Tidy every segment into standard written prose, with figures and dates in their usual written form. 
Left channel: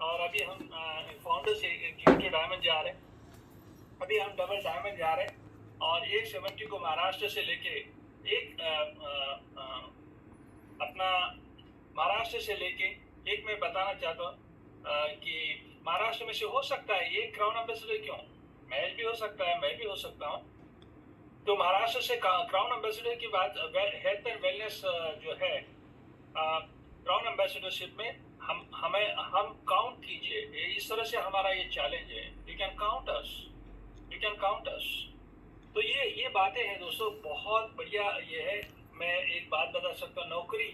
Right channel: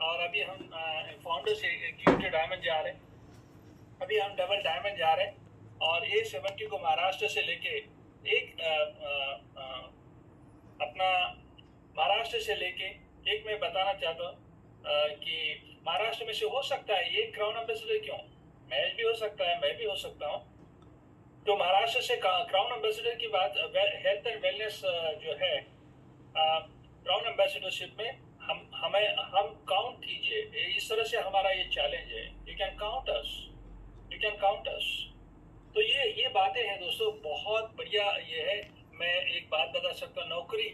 और अभी हम फाउंडर से एग्जीक्यूटिव डायमंड जा रहे हैं। अभी हम डबल डायमंड जा रहे हैं और A70 को महाराष्ट्र से लेके एक अपना महाराष्ट्र से लेके एक मैं बताना चाहता हूँ कि महाराष्ट्र में से हो सकता है ये क्राउन एम्बेसडर क्यों, महज भी हो सकता है, मैं भी हो सकता हूँ। तो महाराष्ट्र से क्राउन एम्बेसडर की बात, हेल्थ एंड वेलनेस जो है क्राउन एम्बेसडरशिप में हम काउंट कीजिए, इस तरह से हमारा ये चैलेंज है। You can count us, you can count us. तो ये बातें हैं दोस्तों, बहुत बढ़िया ये है। मैं एक बात बता सकता हूँ, नौकरी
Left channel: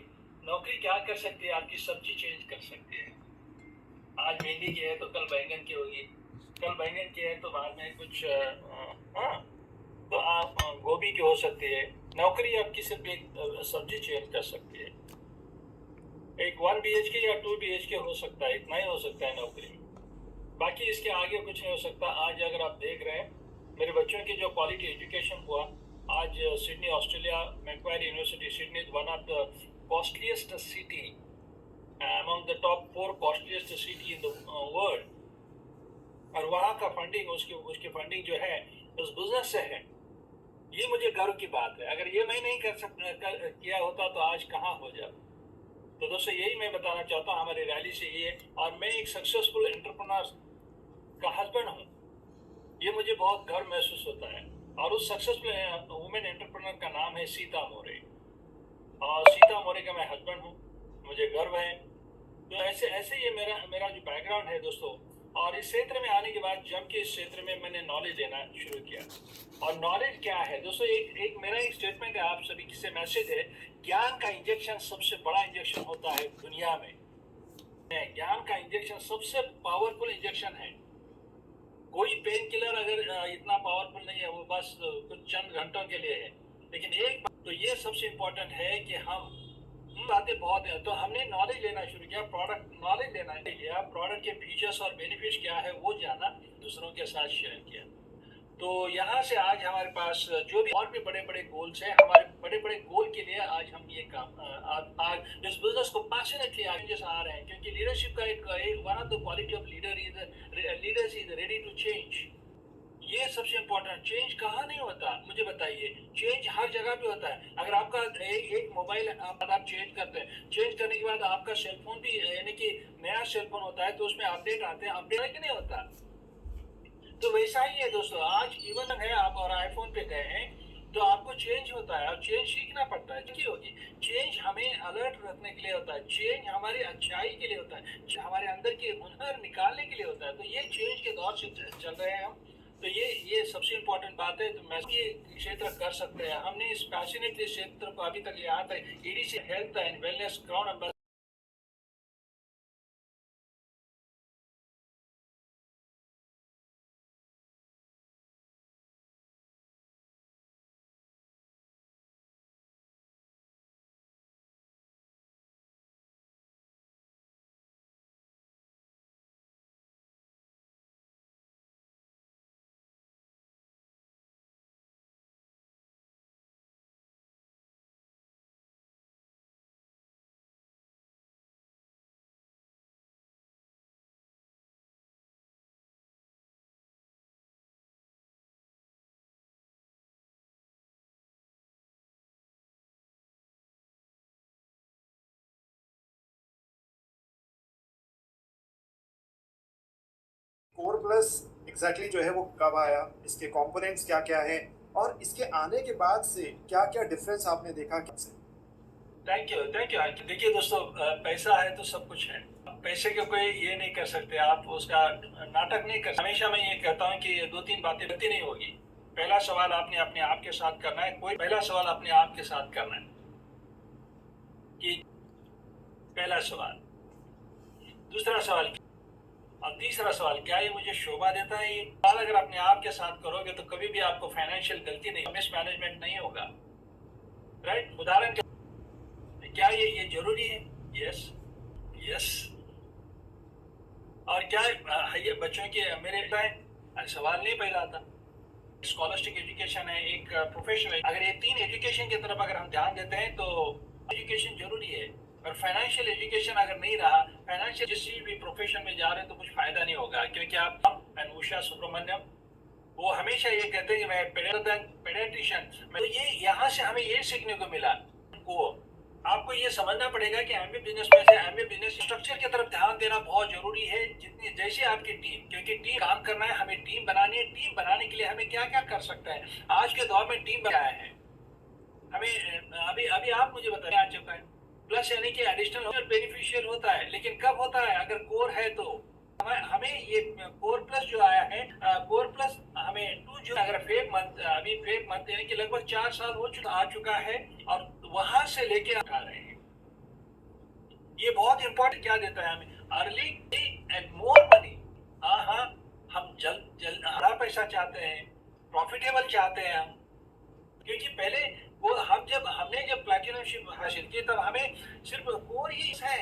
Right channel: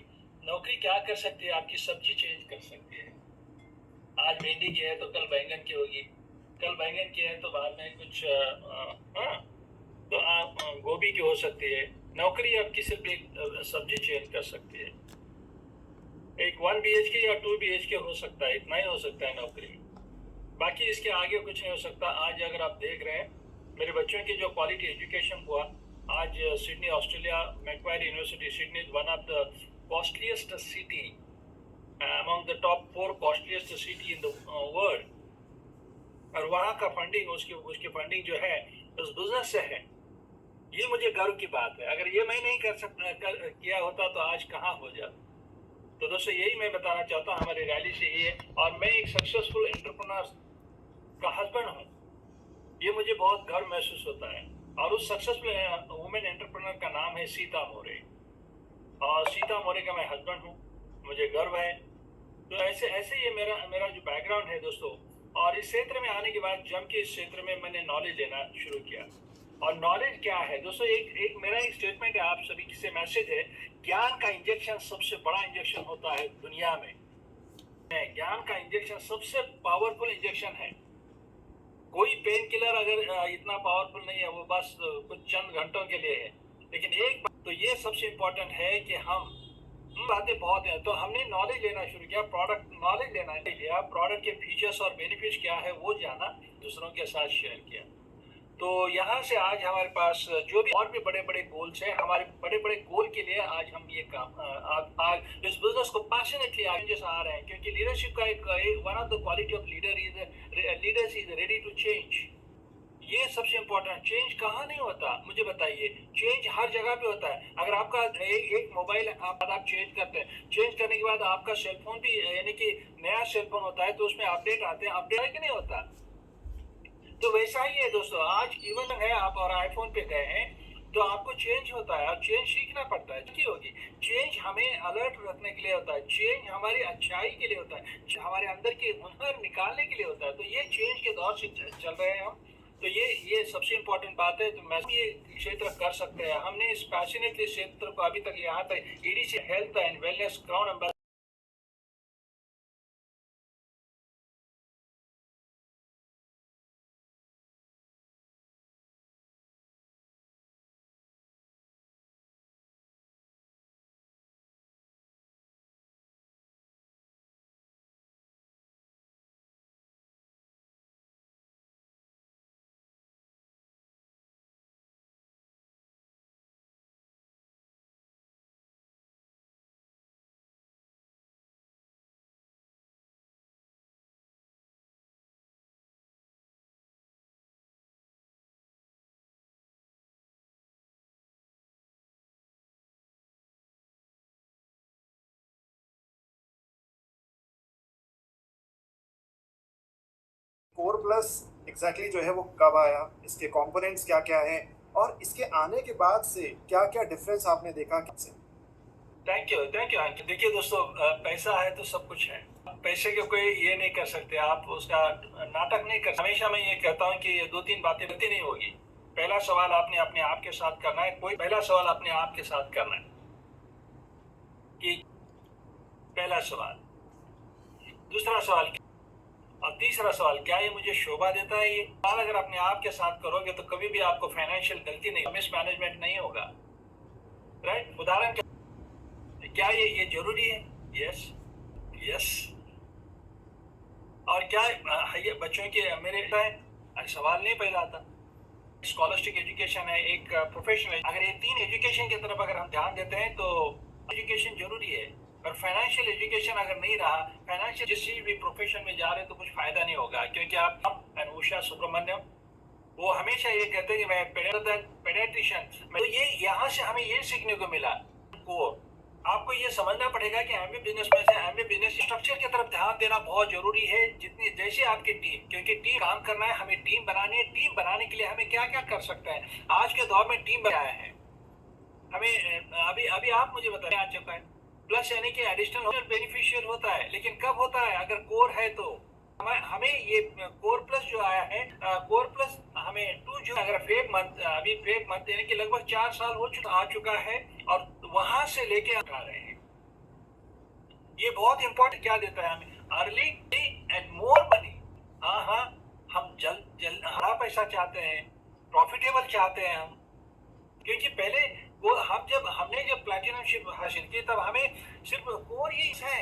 नौकरी क्या कर सकती है, आपकी सब्जी चेंज कर सकती है। आज भिंडी की है तो कल बैंगन की होगी, कल बैंगन की है तो बाद में कुछ तो आप गोभी की हो सकती है। नौकरी आपकी सिर्फ एक सब्जी चेंज कर सकती है। एक 1 BHK या 2 BHK हो सकता है, इतना ही हो सकता है नौकरी में, बाकी इसके आगे कुछ नहीं हो सकता। आज अगर आप देख रहे हैं मेरे बच्चों की जो क्वालिटी एजुकेशन हुआ, आज Sydney Australia, Macquarie university Sydney is one of the costliest city, among the top 4 costliest city in the world. और वहाँ का फंडिंग, उसकी फंडिंग जो है उस बिजनेस से है। ये मुझे गर्व की बात है। अगर ये मैं नहीं किया होता तो आज कहाँ हो जाता। तो दोस्तों यही मैं बताना चाहता हूँ हमारी रैली से ये। और मैं एक सक्सेसफुल एंटरप्रेन्योर का हस्बैंड हूँ, ये मुझे बहुत गर्व महसूस होता है। और उस सक्सेसफुल वुमेन एंटरप्रेन्योर का नाम है सीता मोरे, और सीता मोरे का मैं हस्बैंड हूँ, मुझे गर्व है। तो ऐसे ऐसे ये मेरा जो बैकग्राउंड है दोस्तों। और इस क्षेत्र में आने के बाद जम के इस क्षेत्र में मैंने नॉलेज लेना शुरू किया। और नॉलेज क्या है दोस्तों, एक मेरा एक स्टेटमेंट है आप सभी से मैसेज है, ज्ञान का इंजेक्शन सबसे बड़ा इंजेक्शन होता है दुनिया में। ज्ञान का इंजेक्शन सबसे पावरफुल इंजेक्शन है। कोई पेन किलर अगर इतना पावरफुल नहीं है, वो बस कुछ चंद घंटों के लिए है। लेकिन एक बात तो ये सबसे इम्पोर्टेंट है कि हम बातें बहुत हैं, तो हमने नॉलेज लेना शुरू किया, प्रोडक्ट नॉलेज लेना लिया, प्रोडक्ट के फीचर्स और बेनिफिट्स क्या है वो जाना, दूसरों के साथ शेयर किया। तो यहाँ से आज हमारे पास जो भी और भी बड़े बड़े गोल्स हैं, हमारे बड़े बड़े गोल के लिए आज हम ये काम आज इस बिजनेस को पैशनेटली आगे आ रहे हैं। क्योंकि लीडरशिप का एक one of the quality of leaders is ready to change. ये सबसे इम्पोर्टेंट। चेंज कहाँ नहीं होता मुझे बताइए, चेंज हर जगह पे होता है। अगर आपका एक मोबाइल आप चेंज करते हैं, चेंज करने के बाद आपका सेलफोन भी, यानी कि नया सेलफोन होता है तो उसमें अपडेट आते हैं, अपडेट नहीं होता। तो वैसा ही है दोस्तों, आज इवन है आप और आईफोन पे गए हैं तो आपको चेंज होता है और चेंज सीखना पड़ता है। क्यों होगी चेंज? हमें अलर्ट रखने के लिए होता है, चेंज हमारी अच्छाई के लिए होता है, हमारे अंदर के हुनर निकालने के लिए होता है। तो ये चेंज के दौर से चल रहे हैं हम। तो ये सबसे इम्पोर्टेंट बात है। तो मैं ये क्षेत्र कर सकते हैं, हमने इस पैशनेटली क्षेत्र को अभी तक यहाँ तक EDC health and wellness crown ambassador core plus exactly जो है वो कब आया, इसके कंपोनेंट्स क्या क्या हैं, और इसके आने के बाद से क्या क्या डिफरेंस आपने देखा कैसे? थैंक यू, थैंक यू अंकित। देखिए दोस्तों, पैसा है तो सब कुछ है। पैसे के कोई ये नहीं कर सकते, आप उसका नाटक नहीं कर सकते। हमेशा मैं ये कहता हूँ कि ये 2-3 बातें गलती नहीं होगी। पहला सवाल आपने अपने आप के साथ करना है, कोई पहला सवाल अपने आप के साथ करना है कि पहला सवाल, दूसरा सवाल और तीसरा सवाल, क्या ये मुझे शोभा देता है? ये सवाल अगर अपने आप के साथ करोगे तो कभी भी आपको फाइनेंशियल गलती नहीं, मिसमैनेजमेंट नहीं होगा। राइट? उदाहरण क्या ये जरूरी है? Yes, yes. और क्या ये बच्चों के मेरे सवाल नहीं पैदा आता। स्कॉलस्टिक एजुकेशन है, एक प्रोफेशनल। अगर ये 3 एजुकेशन की तरफ अगर हम ध्यान देते हैं तो एजुकेशन जरूरी है। और फाइनेंशियल एजुकेशन अगर नहीं रहा, फाइनेंशियल किसी भी प्रोफेशन में जा रहे हैं तो कुछ फायदा नहीं होगा, क्योंकि आप अनुषा सुब्रमण्यम वो हमेशा ये कहते हैं कि मैं पेडियाट्रिशियन, तो ये यहाँ से हमें ये सीखने को मिला को आपको ये समझना पड़ेगा कि एमबी बिजनेस में से एमबी बिजनेस स्ट्रक्चर की तरफ ध्यान देना बहुत जरूरी है, जितनी जैसे आपकी टीम, क्योंकि टीम काम करना है, हमें टीम बनानी है। टीम बनाने के लिए हमें क्या क्या कर सकते हैं, आज के दौर में टीम बनाया है हमें, अभी अभी आप मुझे बताएं आ चुका है प्लस, यानी कि एडिशनल बेनिफिशियल होता है, लेकिन कब होता है, अगर कोर है तो हमें ये कोर प्लस जो आया है, कोर प्लस हमें 2 जून, अगर फेब मंथ, अभी फेब मंथ यानी कि लगभग 4 साल आ चुका है, और वहां से लेके आ रहे हैं। ये बहुत इंपॉर्टेंट क्या देता है हमें, अर्ली एंड मोर मनी। हाँ हाँ, हम जल्द हरा पैसा चाहते हैं, प्रॉफिटेबल चाहते हैं हम, क्योंकि पहले वो हमने जब प्लैटिनम शिप हासिल की तब हमें सिर्फ कोर ही है।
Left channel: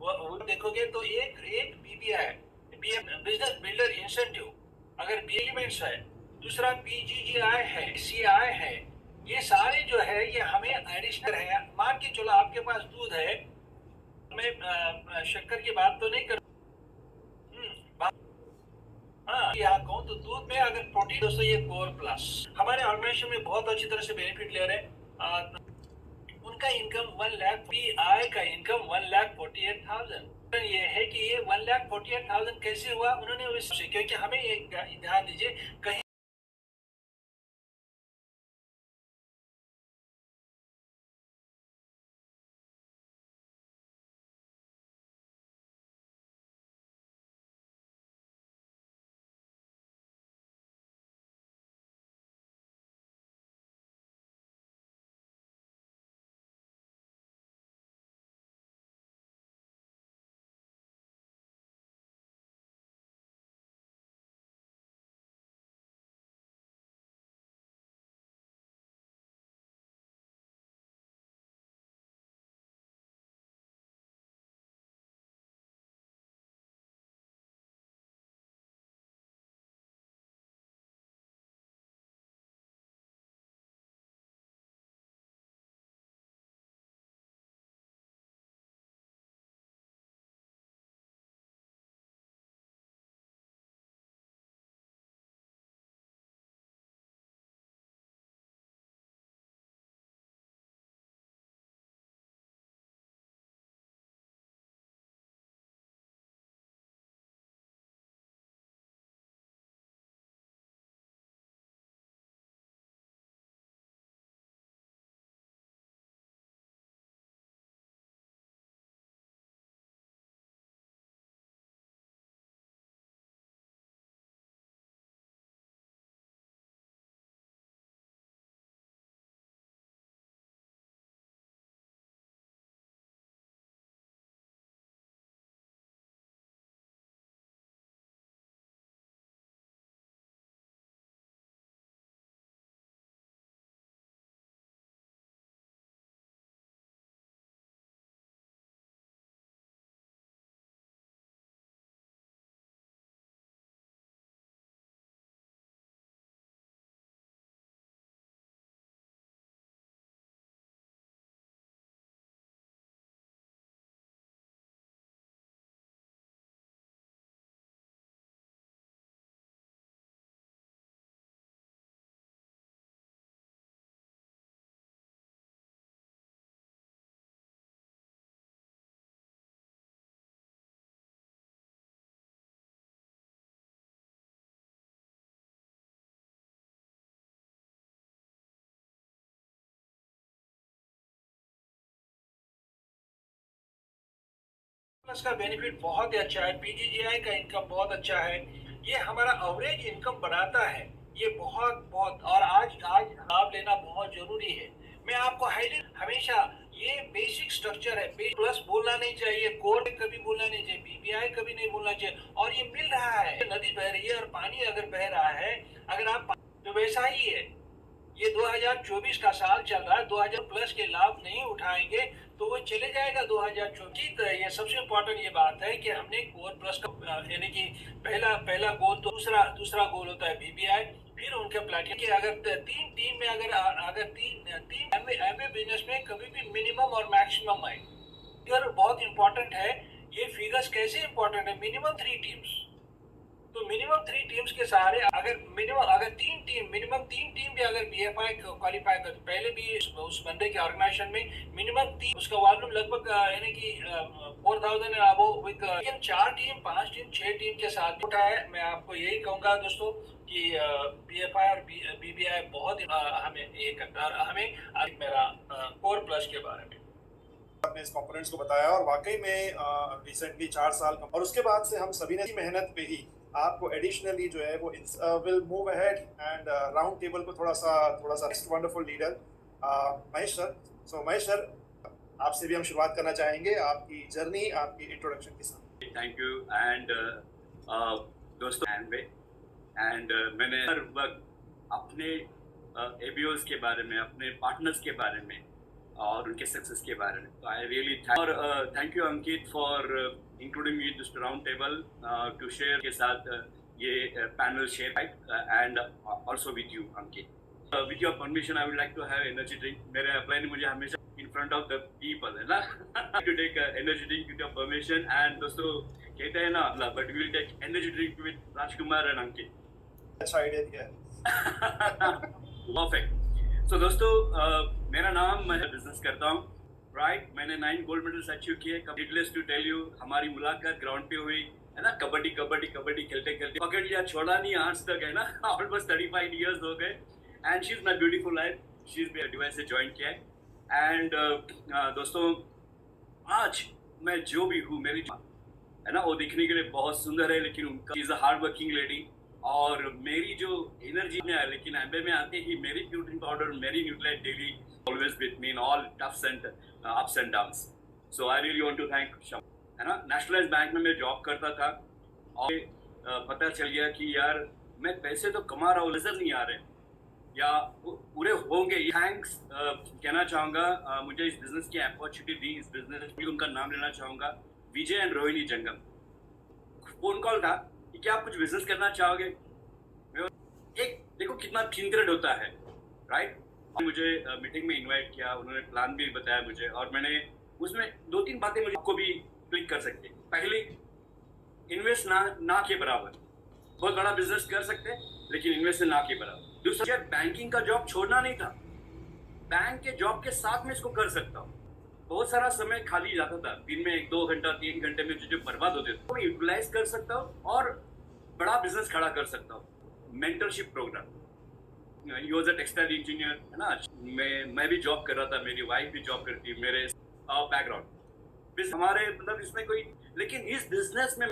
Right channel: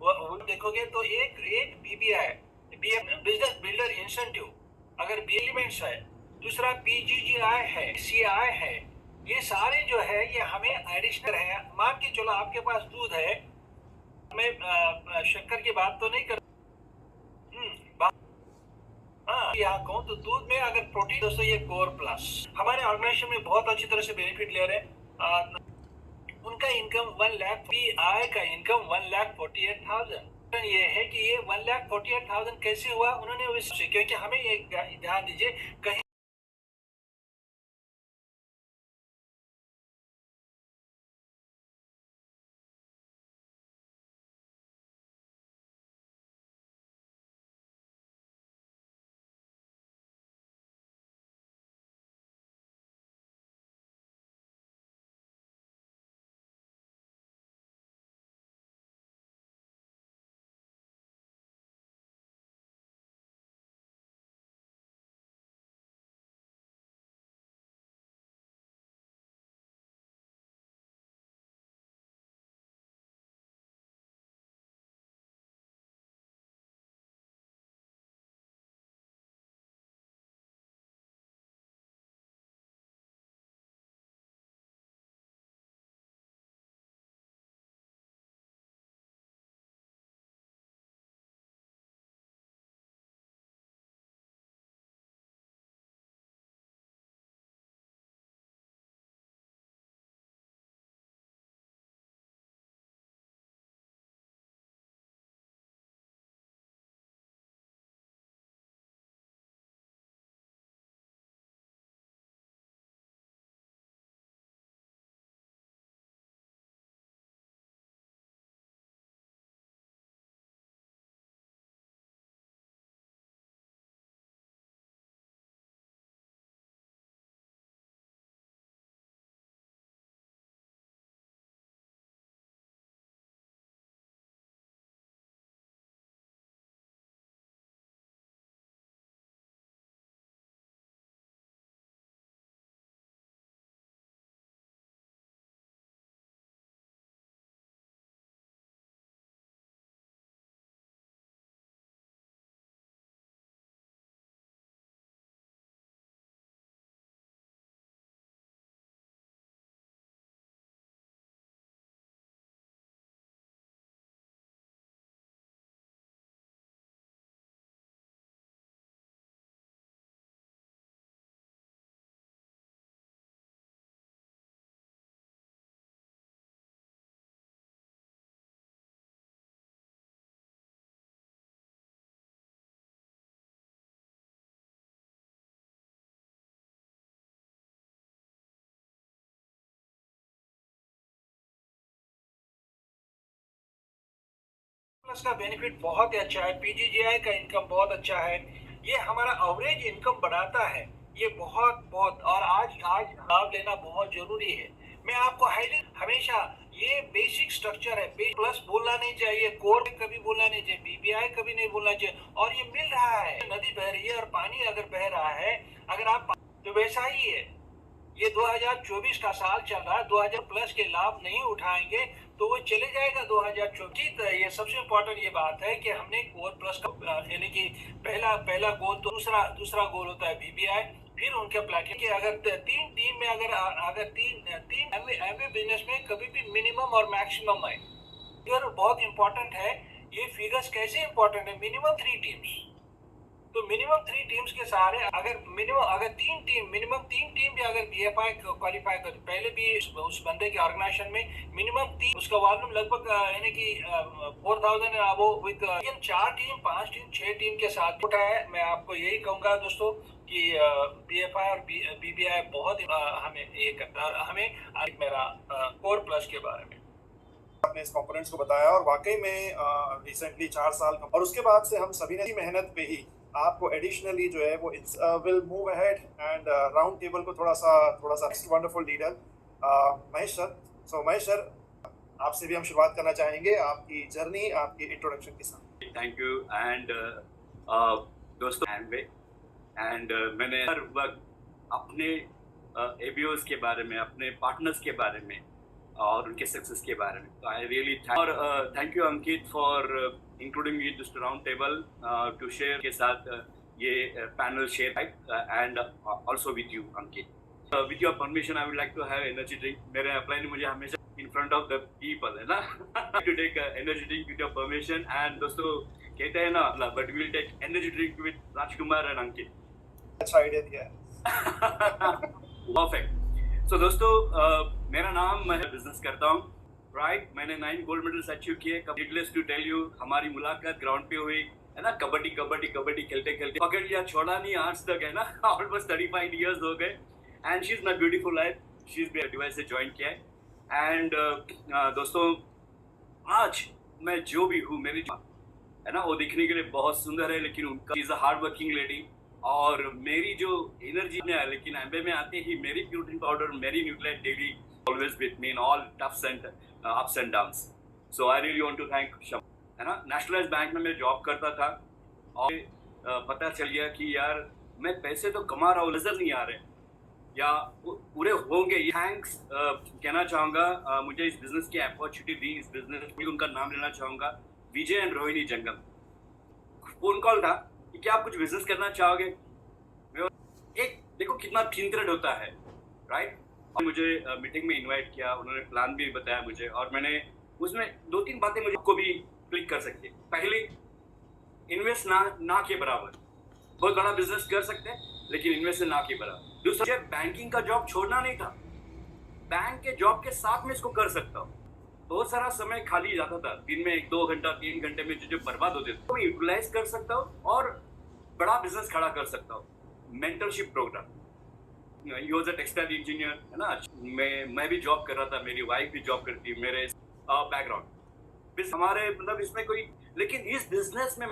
वो देखोगे तो एक बीबीआई, बिजनेस बिल्डर इंसेंटिव, अगर बी एलिमेंट्स है, दूसरा पीजीजीआई है, सीआई है, ये सारे जो है ये हमें एडिशनल है। मान के चलो आपके पास दूध है, मैं शक्कर की बात तो नहीं कर, हाँ यहाँ कहूँ तो दूध में अगर प्रोटीन, दोस्तों ये कोर प्लस हमारे ऑर्गेनाइजेशन में बहुत अच्छी तरह से बेनिफिट ले रहे हैं। उनका इनकम 1 लाख, आय का इनकम 1,48,000 ये है कि ये 1,48,000 कैसे हुआ, उन्होंने उससे, क्योंकि हमें ये ध्यान दीजिए कहीं प्लस का बेनिफिट बहुत ही अच्छा है, पीजीजीआई का इनकम बहुत अच्छा है, ये हमारा एवरेज इनकम बढ़ाता है, ये बहुत बहुत, और आज आज लाभ लेना बहुत जरूरी है। मैं आपको हाईलाइट हमेशा ये बेसिक स्ट्रक्चर है, प्लस बोलना नहीं चाहिए, कोर कभी बोलना नहीं चाहिए, बीबीआई कभी नहीं बोलना चाहिए, और ये मिल रहा है, नदी बह रही है और पानी अगर बह रहा है, अगर आप तो वैसा ही है। ये 2024 का साल चल रहा है, 2000 प्लस के लाभ नहीं उठाएंगे तो वो चले जाएगा 2024। ये सबसे इम्पोर्टेंट ये बात है कि हमने कोर प्लस का यानी कि पहला गोल, तो दूसरा गोल होता है बीबीआई, फिर उनके प्लेटिनम के अगर तीन टीम में अगर तीन तीन एमवे बिजनेस में कभी भी मिनिमम और मैक्सिमम है, फिगर बहुत इंपॉर्टेंट है। ये फिगर्स कैसे इंपॉर्टेंट है? मिनिमम 3 टीम्स, तो मिनिमम 3 टीम्स के सहारे अगर तीन टीम भी अगर बीएफआई क्वालिफाई कर, पहले भी उस बंदे के ऑर्गेनाइजेशन में मिनिमम तीन, उसका वॉल्यूम लगभग यानी कि 4,000 वो विद 4 टीम 5 टीम 6 टीम के साथ उठा है। मैं आपको यही कहूंगा दोस्तों कि बीएफआई और बीबीआई बहुत हमें ये करता है, हमें मेरा कोर प्लस के बारे में आपने इस कंपोनेंट्स को बताया और वाकई में रिसेंटली 4 साल और उसके बाद से हम सभी ने मेहनत पे ही आपको एडिशनली जो है वो will move ahead and round table को थोड़ा सा वंडरफुल लीडर महेश सर। सो महेश सर, आपसे भी हम शुरुआत करना चाहेंगे आपकी जर्नी, आपकी इंट्रोडक्शन के साथ। थैंक यू एंड दोस्तों एंड मैंने हर वक्त अपने एबीओज के बारे में, अपने पार्टनर्स के बारे में और उनके सक्सेस के बारे में, तो I really thank you Ankit for including me this round table to share के साथ ये panel share and also with you Ankit. With your permission I would like to have energy drink. मेरे अपलाइन ने मुझे हमेशा in front of the people है ना to take energy drink with your permission. And दोस्तों कहते हैं ना, but we will take energy drink with Rajkumar and अंकित। अच्छा आइडिया दिया है। परफेक्ट। सो दोस्तों मेरा नाम, मैं बिजनेस करता हूँ, राइट। मैंने 9 गोल्ड मेडल्स अचीव किए। नीडलेस टू टेल यू, हमारी मुलाकात ग्राउंड पे हुई है ना, कबड्डी खेलते खेलते पकड़ लिया, छोड़ा नहीं आज तक है ना ऑलमोस्ट 35 इयर्स हो गए। And she is my beautiful life, she is मेरे डिवाइस से ज्वाइन किया है। एंड दोस्तों आज मैं जो भी हूँ, मेरी है ना, वो दिखने के लिए बहुत सुंदर है, लेकिन उनका is a hard working lady. और मेरी जो एनर्जी में है, लेकिन एमबे में आते ही मेरी प्रोटीन पाउडर, मेरी nutrient daily always with me in all toughs and ups and downs. So I really want to thank Sham, है ना। नेशनलाइज्ड बैंक में मैं जॉब करता था और पता चल गया कि यार मैं पैसे तो कमा रहा हूँ, नजर नहीं आ रहे या पूरे होंगे। थैंक्स कहना चाहूँगा, मुझे इस बिजनेस की अपॉर्चुनिटी दी, इस बिजनेस में उनका नाम लेना चाहूँगा, विजय एंड रोहिणी जंगम। फोन कॉल था कि क्या आप कुछ बिजनेस करना चाहोगे। एक देखो कितना थिंकरेड होता है, राइट। मुझे मीटिंग में इनवाइट किया, उन्होंने प्लान भी बताया मुझे, और मैंने उसमें 2-3 बातें मुझे को भी क्लिक कर सकते। पहले, इन्वेस्ट ना के बराबर। बहुत बड़ा बिजनेस कर सकते हैं, लेकिन इन्वेस्ट ना के बराबर। दूसरा, बैंकिंग का जॉब छोड़ना नहीं था, बैंक के जॉब के साथ में इसको कर सकता हूँ। बहुत सारा समय खाली जाता था, दिन में 1-2 घंटा 3 घंटे में जो बर्बाद होते थे, वो यूटिलाइज कर सकता हूँ और बड़ा बिजनेस खड़ा कर सकता हूँ। Mentorship programme, you was a textile engineer, है ना। मैं भी जॉब कर रहा था, मेरी वाइफ भी जॉब करती है, मेरे बैकग्राउंड हमारे मतलब इसमें कोई, लेकिन इस बिजनेस में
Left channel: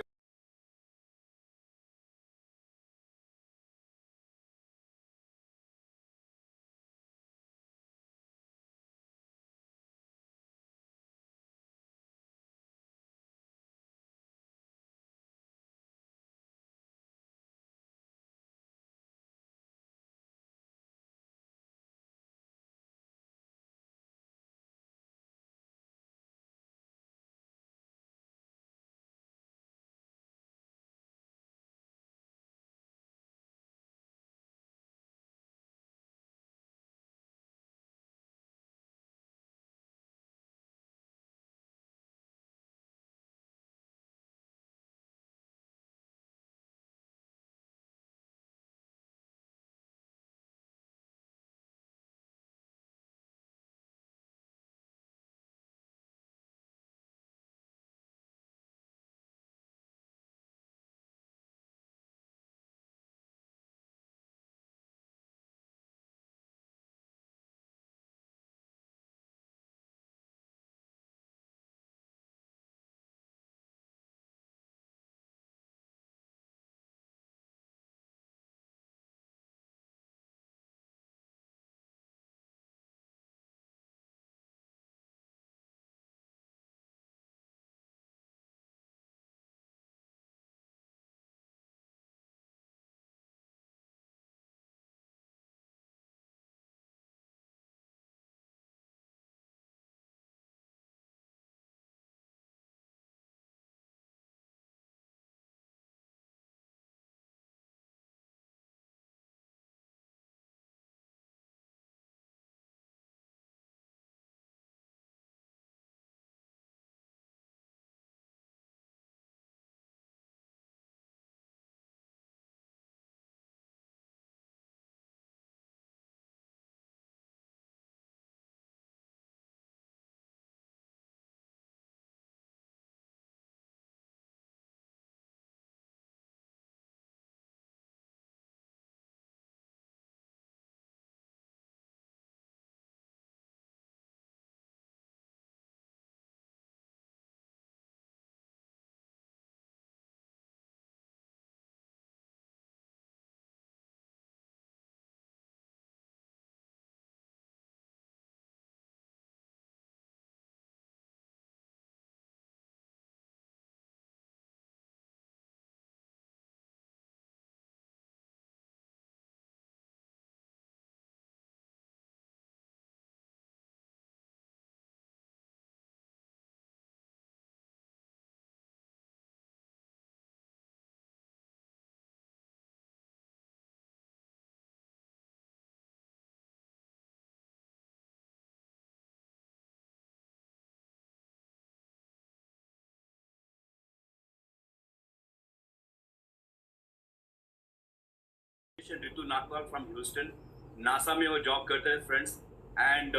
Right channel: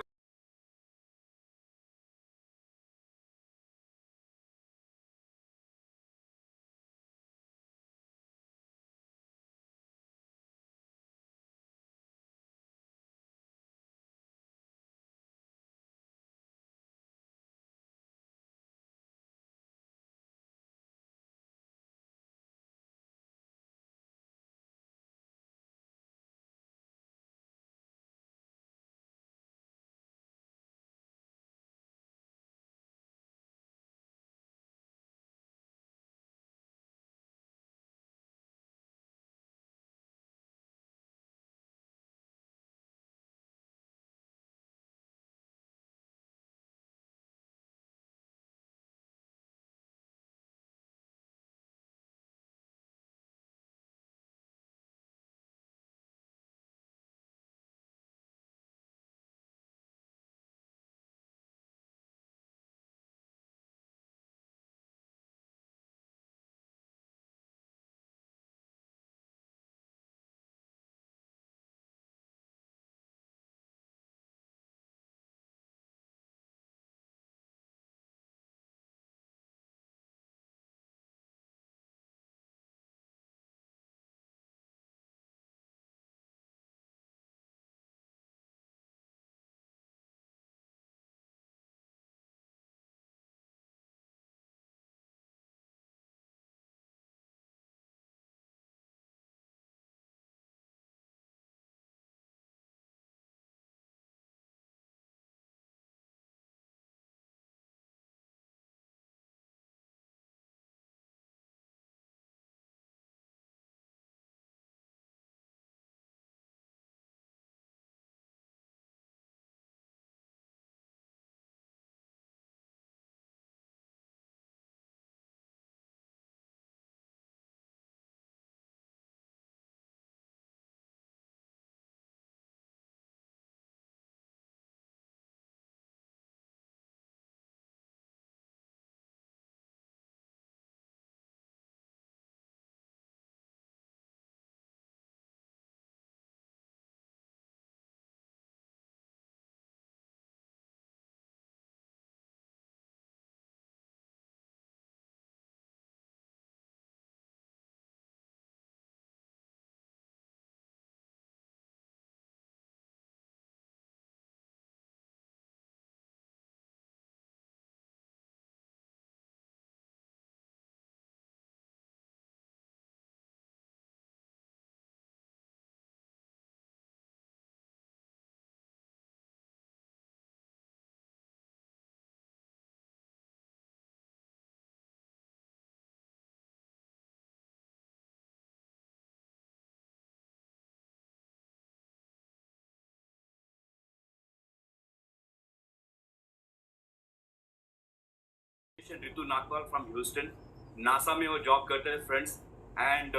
Ritu Nagpal from Houston, NASA में वो जॉब करते हैं फ्रेंड्स। एंड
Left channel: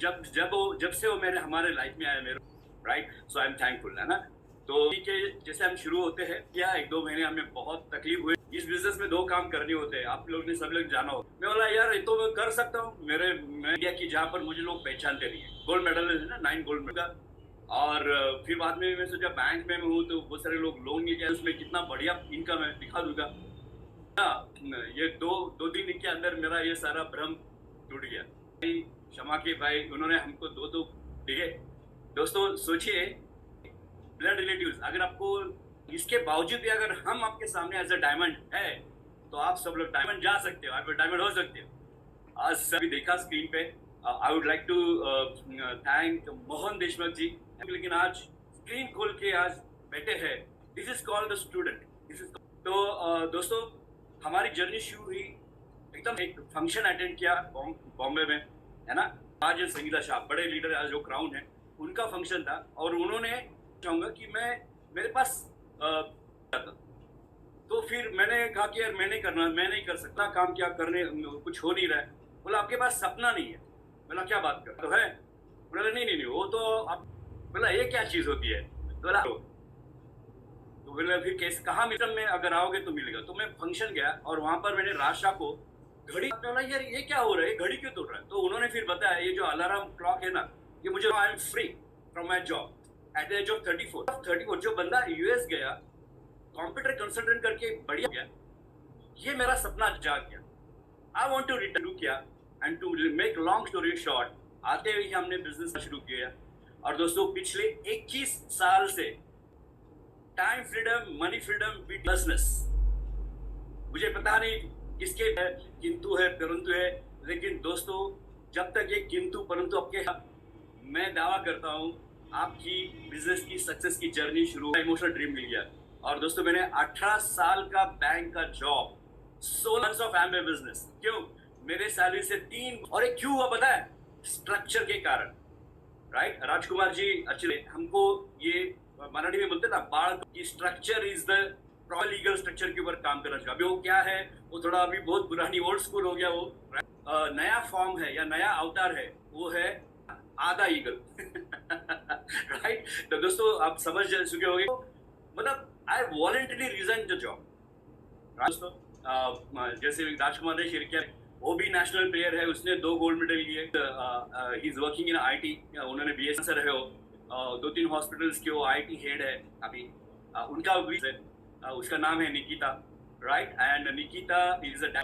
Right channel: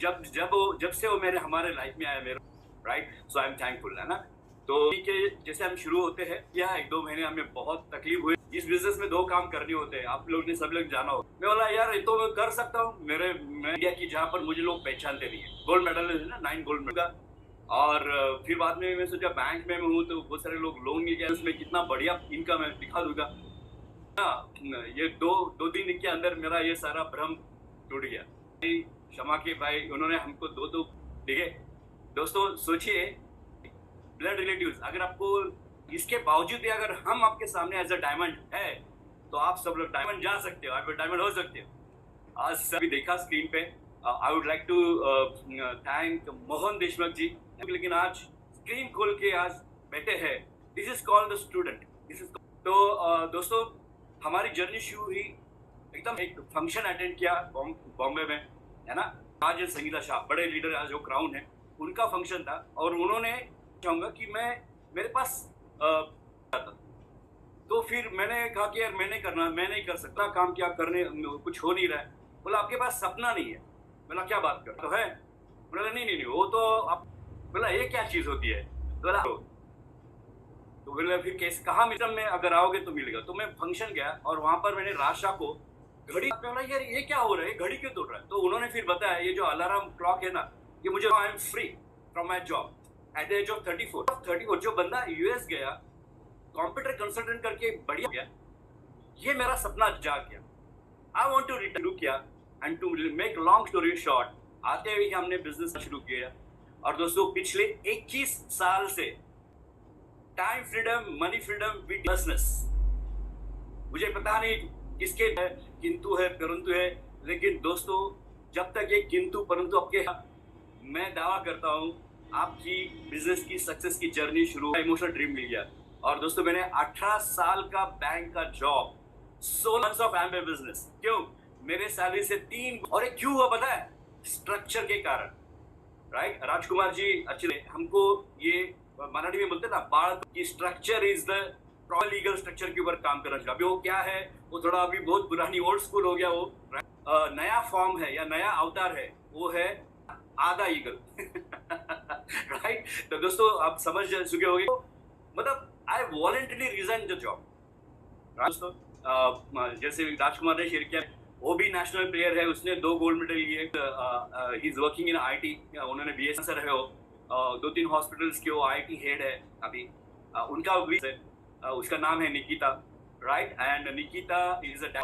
जब से वो मेरे हमारे लाइफ में आए मेरे, right, so I am thankful, है ना। तो ठीक है, जैसे हम शुरू होते हैं, क्या 1-2 महीने हमें बहुत तकलीफ हुई। इस बिजनेस में 2 काम करने होते हैं, आप लोग ने सब लोग जाना हो। मैं बोला यार ये तो मैं कर सकता हूँ, मैं इंडिया की जहाँ पर मुझे लोग पहचानते नहीं है, गोल्ड मेडल है ना, 9 गोल्ड मेडल का। और फिर बाद में मैं सोचा बैंक में मैं हूँ तो बहुत सारे लोग लोन लेके उसमें कितना बढ़िया इनकम है दिखा दूंगा ना। ये दो दिन के अंदर मेरा ये सारा भ्रम टूट गया। क्षमा के भाई, उन्होंने हमको दो ठीक है दोस्तों, सोचिए ब्लड रिलेटिव्स, अगर आपको इसके बावजूद भी अगर हम आपके सामने एज अ डायमंड है, तो आप सब लोग डायमंड जा सकते हो, आप डायमंड हो सकते हो। आज सभी देखा स्क्रीन पे, I would like to thank Mohan Deshmukh ji, लेकिन आज स्क्रीन खोल के आज बैठे हैं। This is called the student, this is तो दोस्तों हमारी जर्नी शुरू हुई, एकदम एक फंक्शन अटेंड किया बॉम्बे में, है ना। आज संगीता शाह बड़े लीडर आज जो क्राउन है, उनका फंक्शन था और उन्होंने चाहूंगा कि मैं मेरे पास तो फिर मैंने कहा कि यार मैं नहीं कर सकता काम, क्या करने कुछ हो नहीं रहा है। बोला आपके पास सपना नहीं है। बोला क्या बात कर तो है। बोला नहीं वो तो आप। बोला ये क्या चीज होती है। बोला तो बोला फिर कैसे कहाँ मित्र में अगर आओगे तो मिलेगा। तो मैं फंक्शन गया और वहां पर मैंने राशा को घड़ी, बोला यार ये क्या हो रहा है, घड़ी क्यों तोड़ रहा है। तो उन्होंने फिर बताया ये जो अलार्म क्लॉक है ना, ये मुझे I am free from my job at the age of 34। जो बंदा यूएस गया कंप्यूटर कंसल्टेंट करके बढ़िया गया, ये मेरा सपना जाग गया। आई वांट टू रिटर्न किया and to make long story short, आते हुए हमने बिजनेस शुरू किया। और दोस्तों पिछले 21 साल से time freedom, money freedom with business, मुझे पता नहीं किसके है, किंतु है परंतु है, लेकिन दोस्तों जब तक ये किंतु परंतु आपके, मैं दावा करता हूं आपकी बिजनेस की सक्सेस की जर्नी शुरू, इमोशनल ड्रीम मिल गया। और दोस्तों मैंने 18 साल का बैंक का जॉब, 16 मंथ्स ऑफ एम्बे बिजनेस, क्यों मेरे सैलरी से 3, और एक क्यों हुआ पता है, स्ट्रक्चर के कारण, राइट। राजकुमार जी अच्छे हमको ये मराठी में बोलते ना, बाढ़ की structure is the proper legal structure के ऊपर काम करना चाहिए। अभी वो क्या है, वो थोड़ा अभी बहुत पुरानी ओल्ड स्कूल हो गया वो, नया फॉर्म है या नया अवतार है, वो है आधा ईगल राइट। तो दोस्तों आप समझ चुके होंगे, मतलब आई वॉलंटरी रिजाइन द जॉब। दोस्तों जैसे राजकुमार ने शेयर किया, वो भी नेशनल प्लेयर है, उसने 2 गोल्ड मेडल लिए, he is working in IT, उन्होंने बीएस है वो, 2-3 हॉस्पिटल्स के वो आईटी हेड है अभी, उनका भी उसका नाम है Nikita, right. And Nikita is a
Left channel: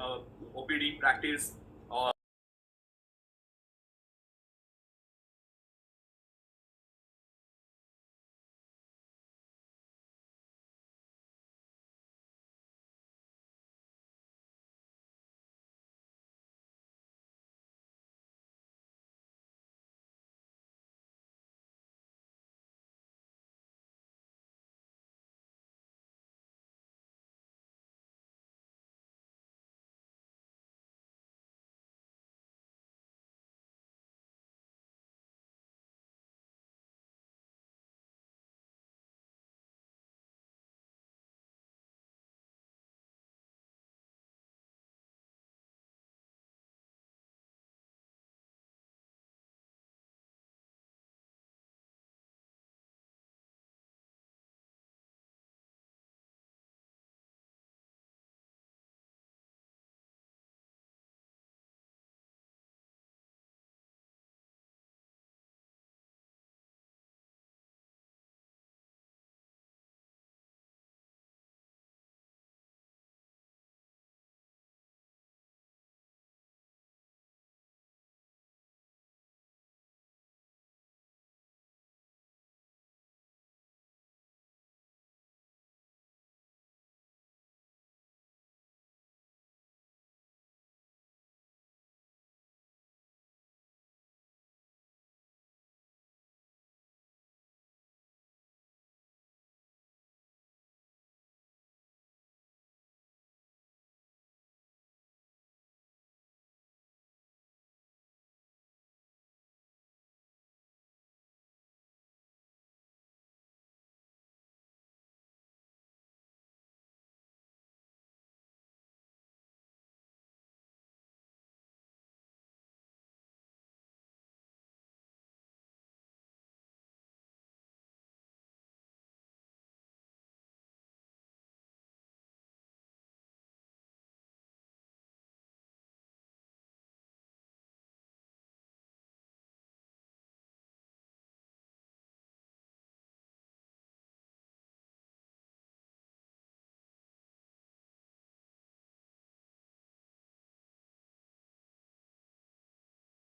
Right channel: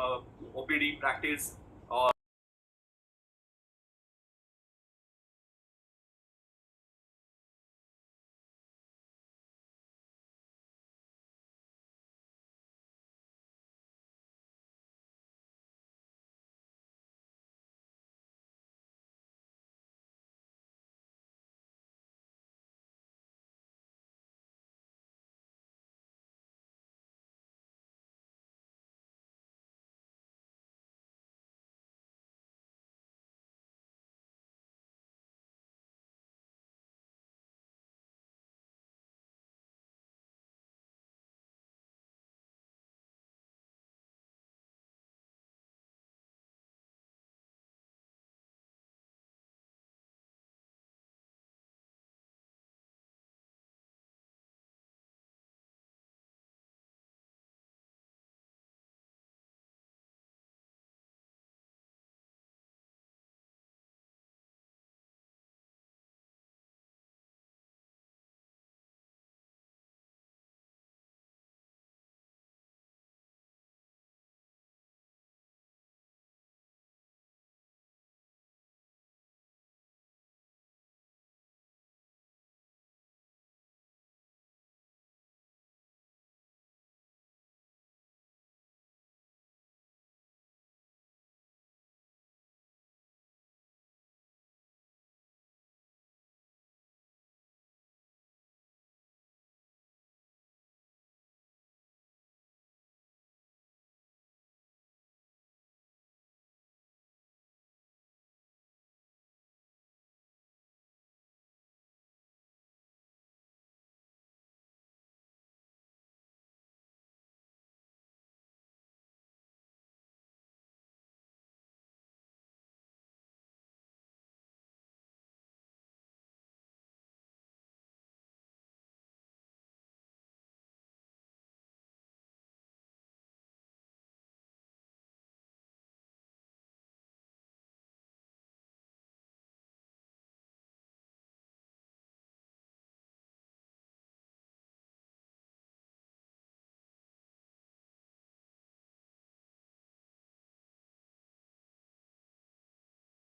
OPD practice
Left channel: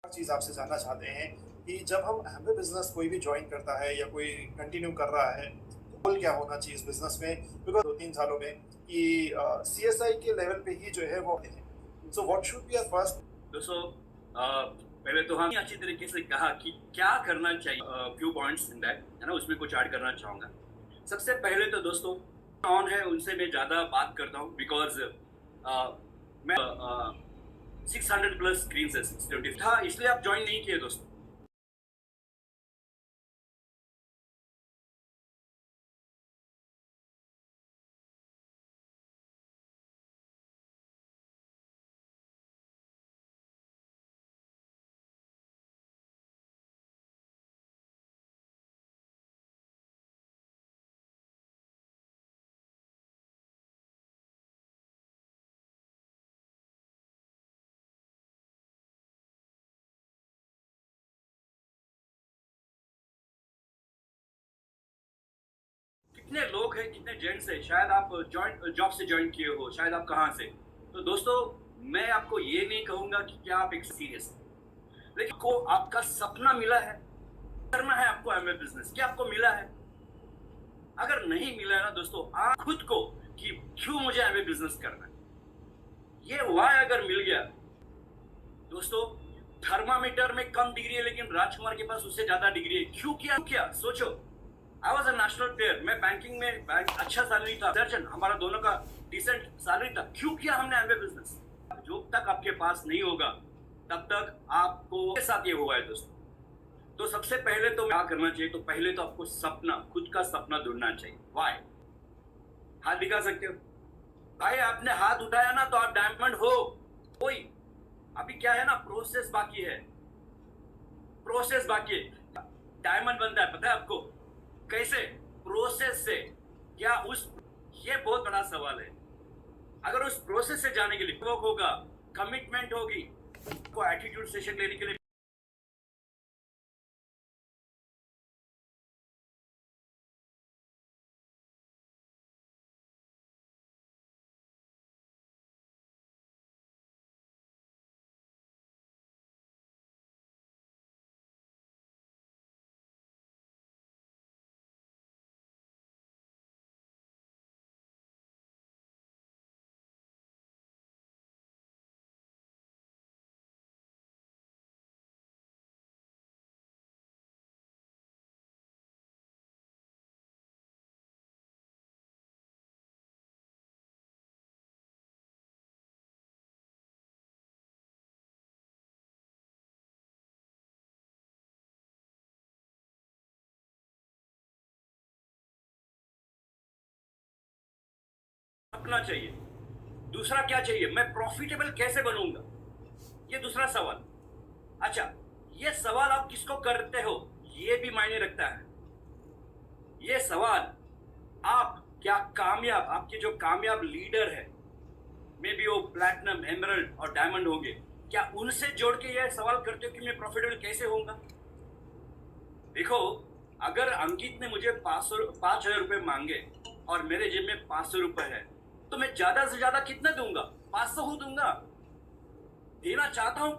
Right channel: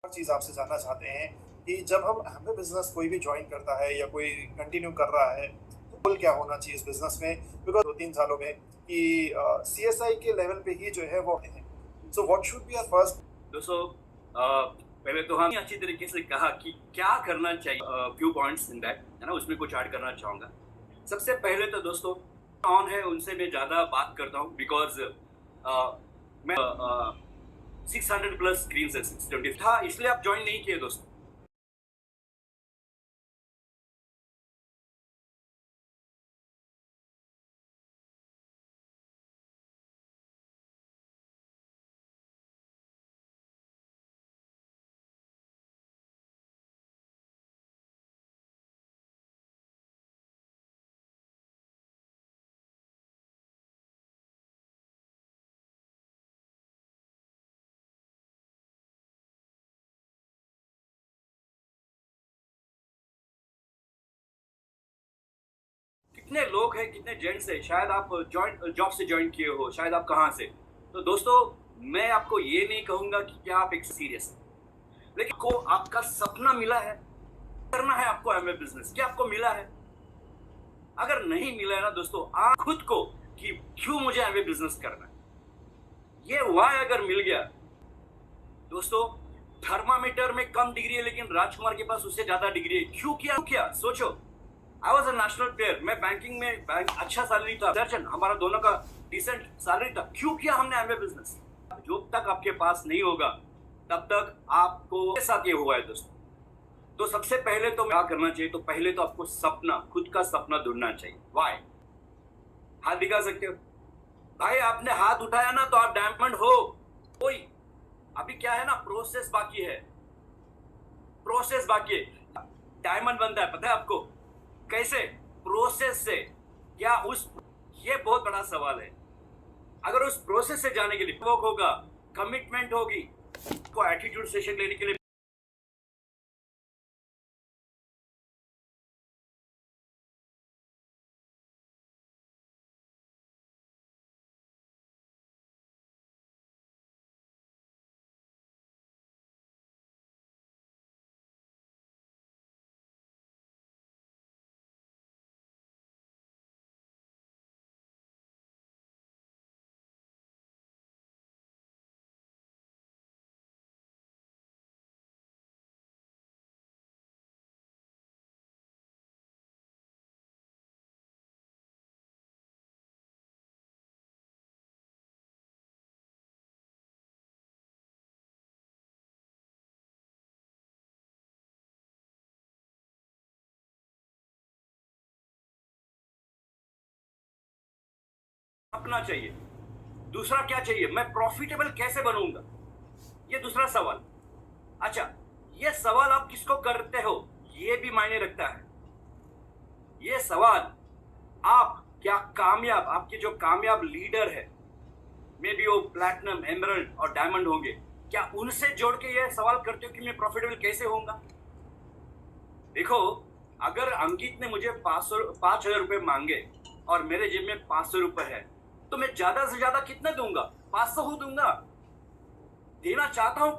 चीज़ आपसे जानना चाहते हैं कि जब हम हमें बिजनेस कोई भी ज्वाइन करता है या कोई कंटिन्यू कर रहा है तो गोल क्या होना चाहिए इस बिजनेस में, बिकॉज 2-3 सालों में कि CSI के लेवल पे ही जो है वो हैं। So what should be our first. दोस्तों पहले तो हम अच्छी तरीके से कहा कि क्या करना चाहिए, फ्यू पॉइंट्स इन दैट, है ना, उसमें कुछ ऐड करना चाहूँगा। सबसे पहले तो दोस्तों ऑन है उनसे मैं ज़्यादा बात करता हूँ, बिकॉज मैं 600 प्लस स्क्रीन से 620 था, इसलिए आप ज्वाइन नहीं किए दोस्तों। कितने लोग हैं, कितने जेंट्स हैं, शायद आप जॉब से ज्वाइन किए हो, शायद आप कहाँ से। तो दोस्तों मैं आपको ये नहीं कहूँगा कि क्या आप एक सीरियस, लेकिन को आपका सपना मिला है, करना है आपको एमवे बिजनेस, क्या आपको मिला है? अगर नहीं मिला है ना दोस्तों, आप खुद को कि क्यों मुझे एमवे बिजनेस करना है, ये वाई अगर मिल गया दोस्तों, थर्मामीटर में कम डिग्री है लेकिन राजकुमार के पास उससे ज्यादा डिग्री है। क्यों किया सोचो। I was a national player, मैं बैंकिंग में अच्छा सैलरी था, दर्जन हमारा दोनों का डिसेंट सैलरी था। क्यों किया हमने एमवे बिजनेस? जब तक आपके पास नहीं होगा तब तक आपको साथ ये हुआ है दोस्तों। तो सबसे पहले तो क्या करना चाहिए, तो पहले तो आपको सपना, खुद का सपना ढूंढना चाहिए। वाई? हाथ दिखा सकते हो भाई, आपने हाथ उठाया ना तो आप डायमंड हो। कोई अभी क्या है ना, प्रोसेस बाकी है, प्रोसेस बाकी है। डायमंड बनता है पता है आपको कैसे? प्रोसेस से। क्या उस, ये बहुत बड़ा सवाल है। अगर उस प्रोसेस से जाने के लिए वर्क होगा, कमिटमेंट होगी, को एटीट्यूड सेशन लेने के लिए अपना चाहिए। दूसरा क्या चाहिए, मैं प्रॉफिटेबल कैसे बनूंगा, ये दूसरा सवाल। अच्छा, ये सवाल आप किसको करते हो ये भी मायने रखता है। ये सवाल आप क्या कामयाब, आपके जो कामयाब लीडर है, मे बी वो प्लैटिनम, एमरल्ड और डायमंड होंगे, क्या उनसे जोड़ के ये सवाल करते हो कि मैं प्रॉफिटेबल कैसे होऊंगा? देखो, अगर अंकित ने मुझे 5,000 रुपए मांगे और मेरे जेब में 500 रुपए है, तो मैं ज्यादा से ज्यादा कितना दूंगा? 500 दूंगा। देना चाहता हूं